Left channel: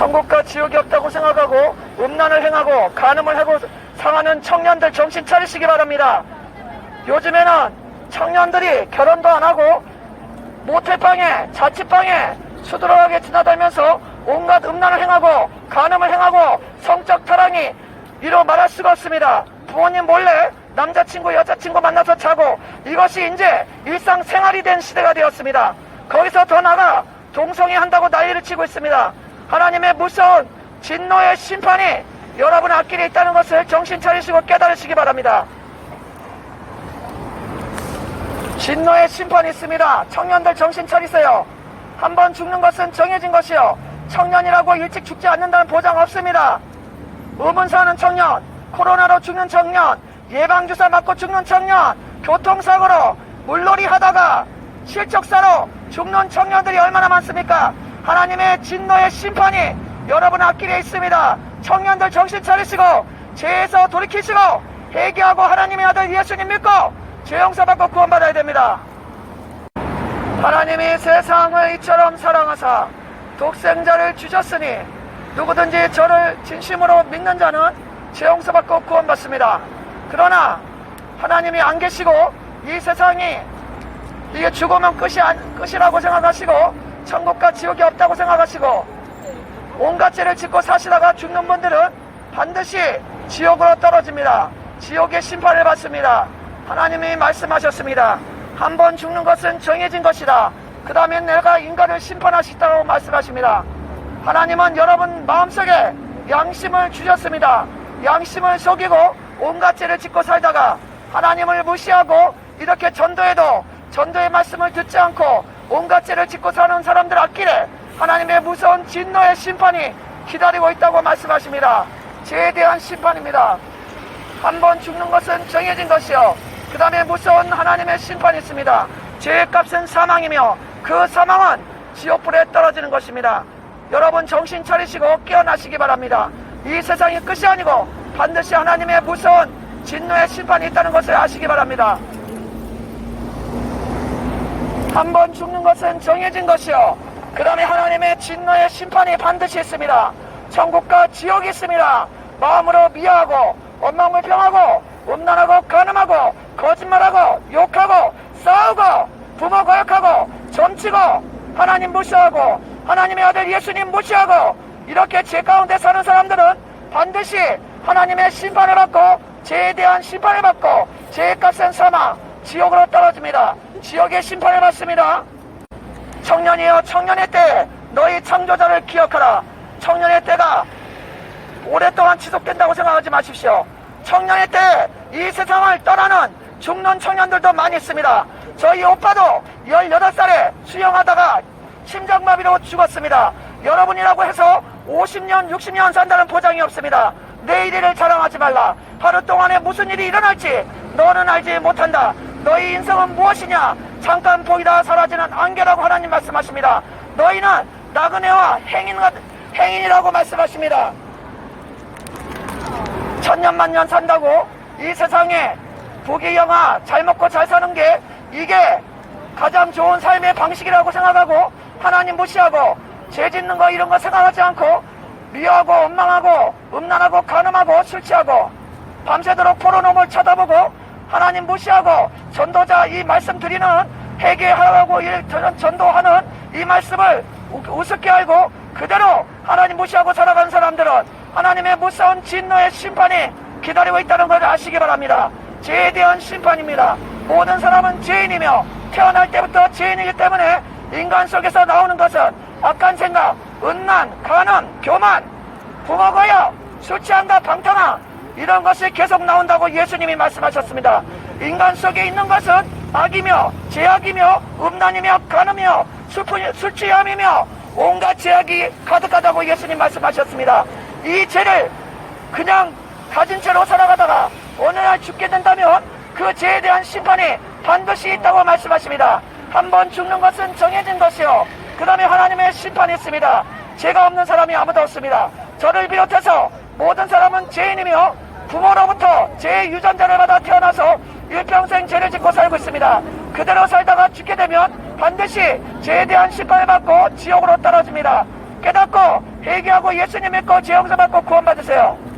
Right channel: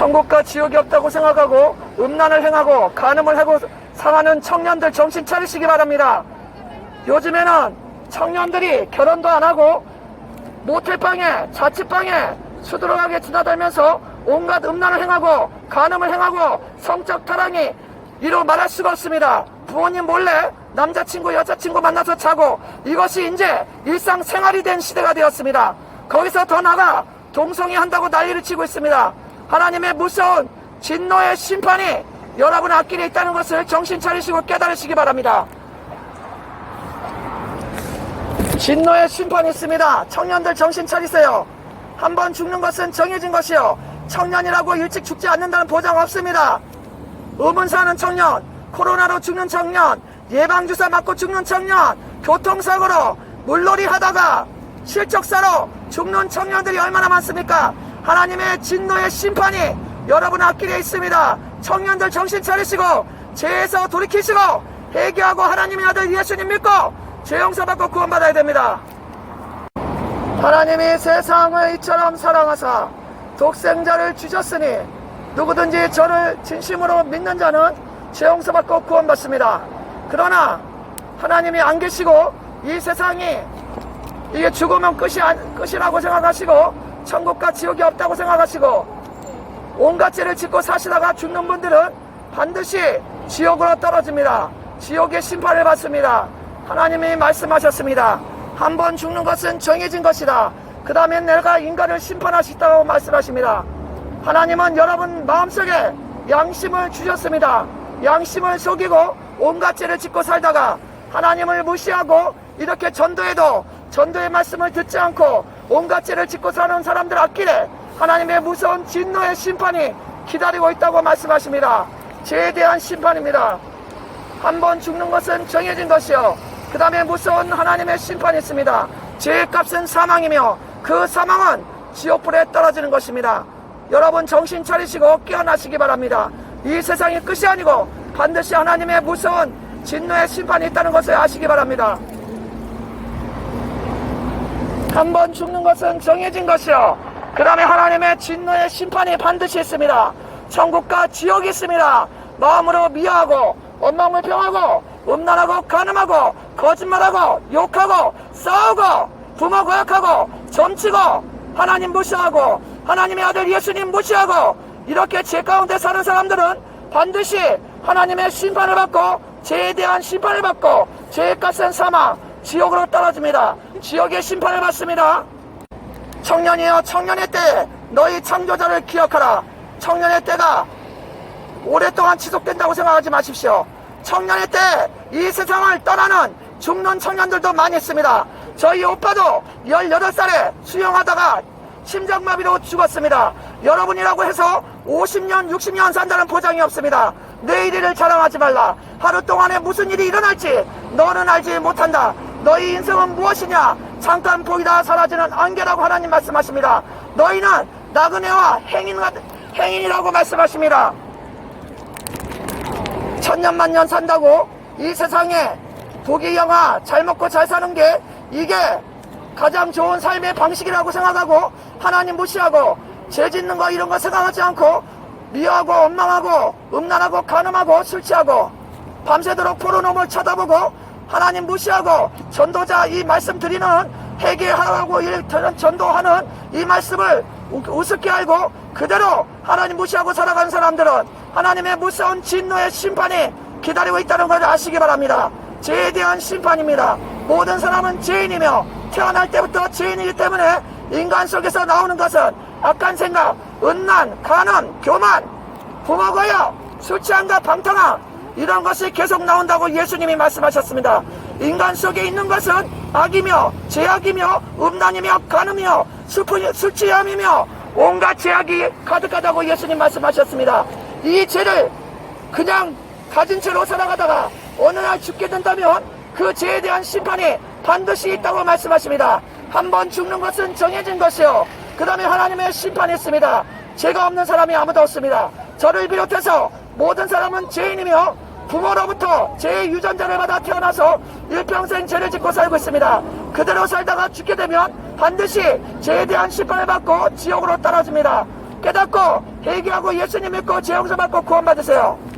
천국과 지옥이 없다고 생각하고 음란을 행하고 간음을 하고 상하는 청년들 정신 차리시기 바랍니다. 요즘에는 청년들이 결혼도 안 하고 모텔방에 자취방에 수두룩하게 드나들면서 온갖 음란을 행하고 간음을 행하고 성적 타락이 이루 말할 수가 없습니다. 부모님 몰래 남자친구 여자친구 만나서 자고 이것이 이제 일상생활이 된 시대가 되었습니다. 거기서 더 나아가 동성애 한다고 난리를 치고 있습니다. 하나님의 무서운 진노의 심판이 여러분의 앞길에 있다는 것을 정신 차리시고 깨달으시기 바랍니다. 진노의 심판이 있습니다. 청년들 정신 차리세요. 한번 죽는 것은 정해진 것이요, 청년이라고 일찍 죽지 않는다는 보장 없습니다. 의문사하는 청년, 코로나로 죽는 청년, 예방주사 맞고 죽는 청년, 교통사고로 물놀이 하다가 실족사로 죽는 청년들이 얼마나 많습니까? 하나님의 진노의 심판이 여러분의 앞길에 있습니다. 청년들 정신 차리시고 죄에서 돌이키시고 회개하고 하나님의 아들 예수님 믿고 죄 용서받고 구원받아야 됩니다. 하나님이 세상을 이처럼 사랑하사 독생자를 주셨으니 누구든지 저를 진심으로 믿는 자는 죄 용서받고 구원받습니다. 그러나 하나님이 안 계시고 이 세상이 이게 죽으면 끝이라고 생각하시고 천국과 지옥이 없다고 생각하시고 온갖 죄를 짓고 사시다가 죽는 분들은 반드시 지옥으로 떨어집니다. 지옥의 심판을 받습니다. 하나님이 말씀하셨습니다. 한 번 죽는 것은 정해진 것이다. 그 다음에 내가 인간을 심판하시다고 말씀하십니다. 하나님은 여러분 마음속에 양심을 주셨습니다. 양심을 속이고 온갖 죄를 짓고 살다가 하나님을 무시하고 이렇게 전도해도 전도의 말씀을 듣지 않고 온갖 죄를 짓고 사는 사람들 앞길에 하나님의 무서운 진노의 심판이 기다리고 있다고 말씀하십니다. 죄에 대한 심판입니다. 한 번 죽는 것은 정해진 것이요, 그 다음에 무서운 하나님의 심판이 있습니다. 죄의 값은 사망이며 그 사망은 지옥불에 떨어지는 것입니다. 여러분 정신 차리시고 깨어나시기 바랍니다. 이 세상이 끝이 아니고 반드시 하나님의 무서운 진노의 심판이 있다는 것을 아시기 바랍니다. 한 번 죽는 것은 정해진 것이요, 그 다음에 하나님의 진노의 심판이 반드시 있습니다. 천국과 지옥이 있습니다. 마음으로 미워하고 원망불평하고 음란하고 간음하고 거짓말하고 욕하고 싸우고 부모 거역하고 점치고 하나님 무시하고 하나님의 아들 예수님 무시하고 이렇게 죄 가운데 사는 사람들은 반드시 하나님의 심판을 받고 죄에 대한 심판을 받고 죄의 값은 사망 지옥으로 떨어집니다. 지옥의 심판을 받습니다. 청년이여, 청년의 때 너희 창조자를 기억하라. 청년의 때가 오랫동안 지속된다고 생각하지 마십시오. 청년의 때 이 세상을 떠나는 죽는 청년들도 많이 있습니다. 저희 오빠도 18살에 수영하다가 심장마비로 죽었습니다. 여러분이라고 해서 50년 60년 산다는 보장이 없습니다. 내일 일을 자랑하지 말라. 하루 동안에 무슨 일이 일어날지 너는 알지 못한다. 너희 인생은 무엇이냐? 잠깐 보이다 사라지는 안개라고 하나님 말씀하십니다. 너희는 나그네와 행인이라고 말씀하십니다. 천년만년 산다고 이 세상에 부귀영화 잘 먹고 잘 사는 게 이게 가장 좋은 삶의 방식이라고 생각하고 하나님 무시하고 죄 짓는 거 이런 거 생각하지 않고 미워하고 원망하고 음란하고 간음하고 술 취하고 밤새도록 포르노를 쳐다보고 하나님 무시하고 전도자 이 말씀 드리는 회개하라고 전도하는 이 말씀을 우습게 알고 그대로 하나님 무시하고 살아가는 사람들은 하나님의 무서운 진노의 심판이 기다리고 있다는 것을 아시기 바랍니다. 죄에 대한 심판입니다. 모든 사람은 죄인이며 태어날 때부터 죄인이기 때문에 인간 속에서 나오는 것은 악한 생각, 음란, 간음, 교만, 부모 거역, 술 취한다, 방탕함 이런 것이 계속 나온다고 예수님이 말씀하셨습니다. 인간 속에 있는 것은 악이며 죄악이며 음란이며 간음이며 술 취함이며 온갖 죄악이 가득하다고 예수님 말씀하셨습니다. 이 죄를 그냥 가진 채로 살아가다가 어느 날 죽게 된다면 그 죄에 대한 심판이 반드시 있다고 말씀하십니다. 한 번 죽는 것은 정해진 것이요, 그 다음에 하나님의 심판이 있습니다. 죄가 없는 사람이 아무도 없습니다. 저를 비롯해서 모든 사람은 죄인이며 부모로부터 죄의 유전자를 받아 태어나서 일평생 죄를 짓고 살고 있습니다. 그대로 살다가 죽게 되면 반드시 죄에 대한 심판을 받고 지옥으로 떨어집니다. 깨닫고 회개하고 예수님 믿고 죄 용서 받고 구원받으세요.